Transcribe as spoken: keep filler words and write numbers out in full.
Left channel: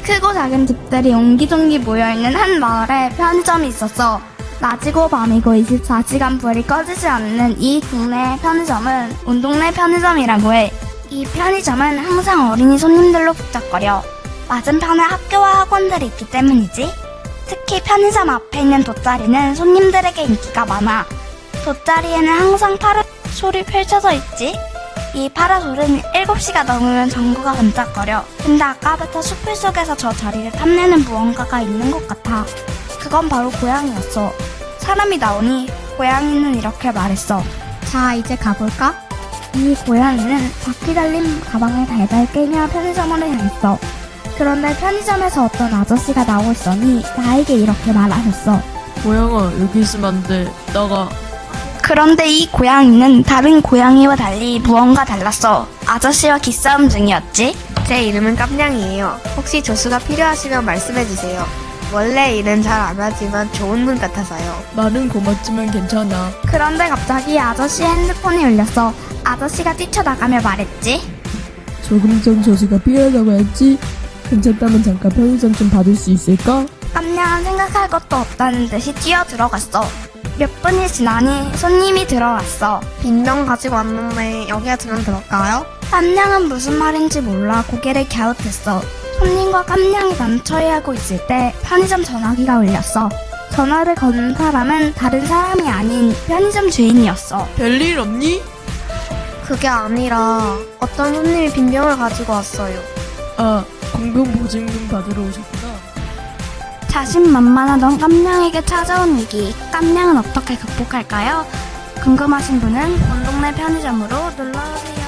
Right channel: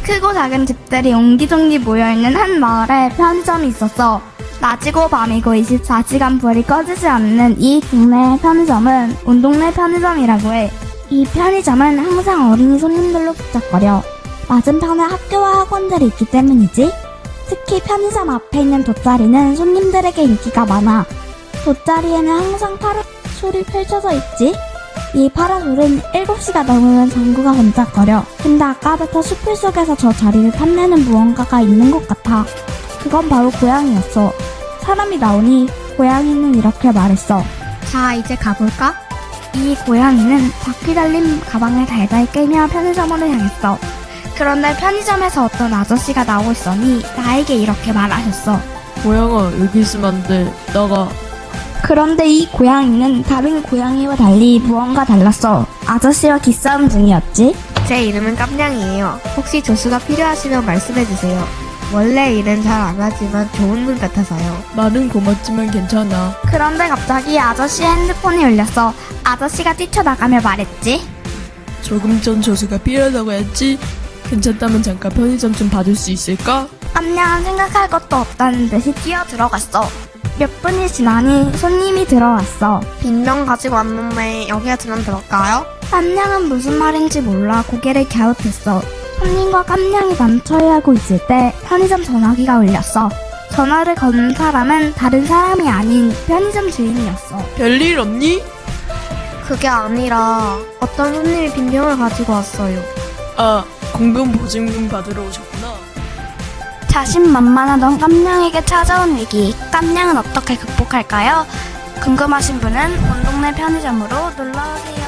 크고 작은 집들이 옹기종기 모여있는 한 마을에 편의점이 있었어. 낮이고 밤이고 이십사 시간 불이 꺼지지 않는 이 동네 편의점은 온동네 편의점이라고 해. 이 편의점은 항상 어린이 손님들로 북적거려. 맞은편에 학교와 학원들이 있기 때문이지. 특히 편의점 앞에 있는 돗자리는 손님들에게 인기가 많아. 돗자리에는 항상 파라솔이 펼쳐져 있지. 이 파라솔은 일곱 시가 넘으면 전구가 번쩍거려. 근데 아까부터 숲을 속에서 저 자리를 탐내는 무언가가 있는 것 같아. 그건 바로 고양이였어. 사람이 나오니 고양이는 이렇게 말했어. 자, 이제 가볼까? 이 고양이는 바퀴 달린 가방을 달달 끌며 편의점으로 향했어. 그런데 편의점에서 어떤 아저씨가 나오고 있으니 나에게 이렇게 말하셨어. 고양아, 여기 있으면 안 돼. 나가. 그런데 이 고양이는 다른 고양이와 달리 무언가 달랐어. 아저씨와 기싸움 중이었지. 제 이름은 깜냥이에요. 혹시 조수가 필요하시면 말씀해주세요. 원래 일은 잘 안 하지만 좋은 분 같아서요. 말은 고맙지만 괜찮아. 그런데 갑자기 아저씨의 핸드폰이 울렸어. 아저씨가 뛰쳐나가며 말했지. 조금 전 조수가 필요하다고 했지? 괜찮다면 잠깐 편의점 좀 봐줄 수 있을까? 깜냥은 생각할 것도 없다는 듯이 뛰어 들어갔어. 몇 분이 지나니 손님이 들어왔어. 빈병 가지고 왔는데 여기에 두면 될까요? 깜냥은 무슨 말인지 몰라 고개를 갸웃했어. 손님과 깜냥이 남처리하고 있을 때 편의점 전화기가 울렸어. 전화를 거는 사람은 다른 사람이 아닌 편의점 주인이었어. 별일 없니? 그게 아니라 어떤 손님이 빈병을 가지고 왔어요. 아, 공병보증금 받으러 오셨구나. 자신만만하던 깜냥에게 찾아온 위기, 깜냥은 어떻게 극복할까요? 궁금하신 분은 온동네 편의점으로 놀러오세요.